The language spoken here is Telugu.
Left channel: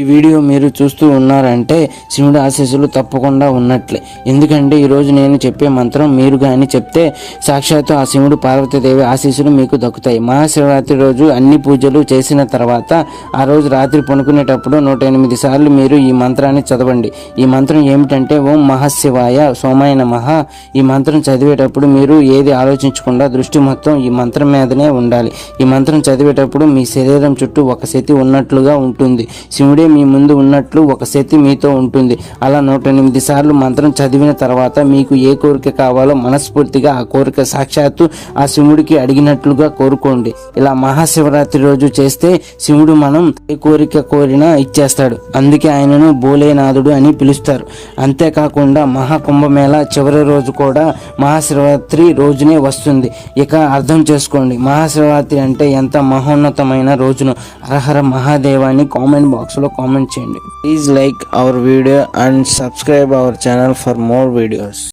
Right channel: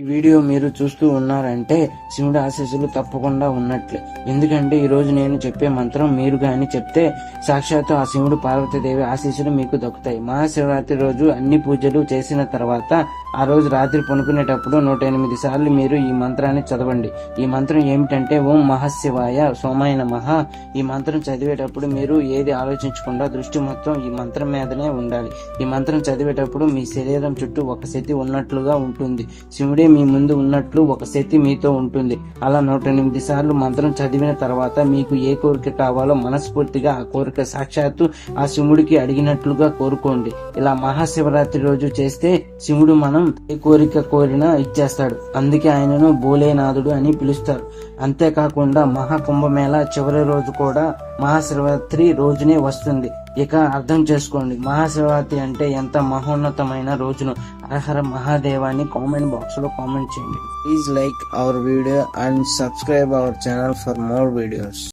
ఈ వీడియో మీరు చూస్తూ ఉన్నారంటే శివుడి ఆశీస్సులు తప్పకుండా ఉన్నట్లే. ఎందుకంటే ఈరోజు నేను చెప్పే మంత్రం మీరు కానీ చెప్తే సాక్షాత్తు ఆ శివుడు పార్వతీదేవి ఆశీస్సులు మీకు దక్కుతాయి. మహాశివరాత్రి రోజు అన్ని పూజలు చేసిన తర్వాత ఆ రోజు రాత్రి పనుకునేటప్పుడు నూట ఎనిమిది సార్లు మీరు ఈ మంత్రాన్ని చదవండి. ఈ మంత్రం ఏమిటంటే ఓం మహాశివాయ సోమాయ నమః. ఈ మంత్రం చదివేటప్పుడు మీరు ఏది ఆలోచించకుండా దృష్టి మొత్తం ఈ మంత్రం మీదనే ఉండాలి. ఈ మంత్రం చదివేటప్పుడు మీ శరీరం చుట్టూ ఒక శతి ఉన్నట్లుగా ఉంటుంది. శివుడే మీ ముందు ఉన్నట్లు ఒక శక్తి మీతో ఉంటుంది. అలా నూట ఎనిమిది సార్లు మంత్రం చదివిన తర్వాత మీకు ఏ కోరిక కావాలో మనస్ఫూర్తిగా ఆ కోరిక సాక్షాత్తు ఆ శివుడికి అడిగినట్లుగా కోరుకోండి. ఇలా మహాశివరాత్రి రోజు చేస్తే శివుడు మనం ఏ కోరిక కోరినా ఇచ్చేస్తాడు. అందుకే ఆయనను బోలేనాథుడు అని పిలుస్తారు. అంతేకాకుండా మహాకుంభమేళ చివరి రోజు కూడా మహాశివరాత్రి రోజునే వస్తుంది. ఇక అర్థం చేసుకోండి. మహాశివరాత్రి అంటే ఎంత మహోన్నతమైన రోజును. హరహర మహాదేవాన్ని కామెంట్ బాక్స్లో కామెంట్ చేయండి please like our video and subscribe our channel for more videos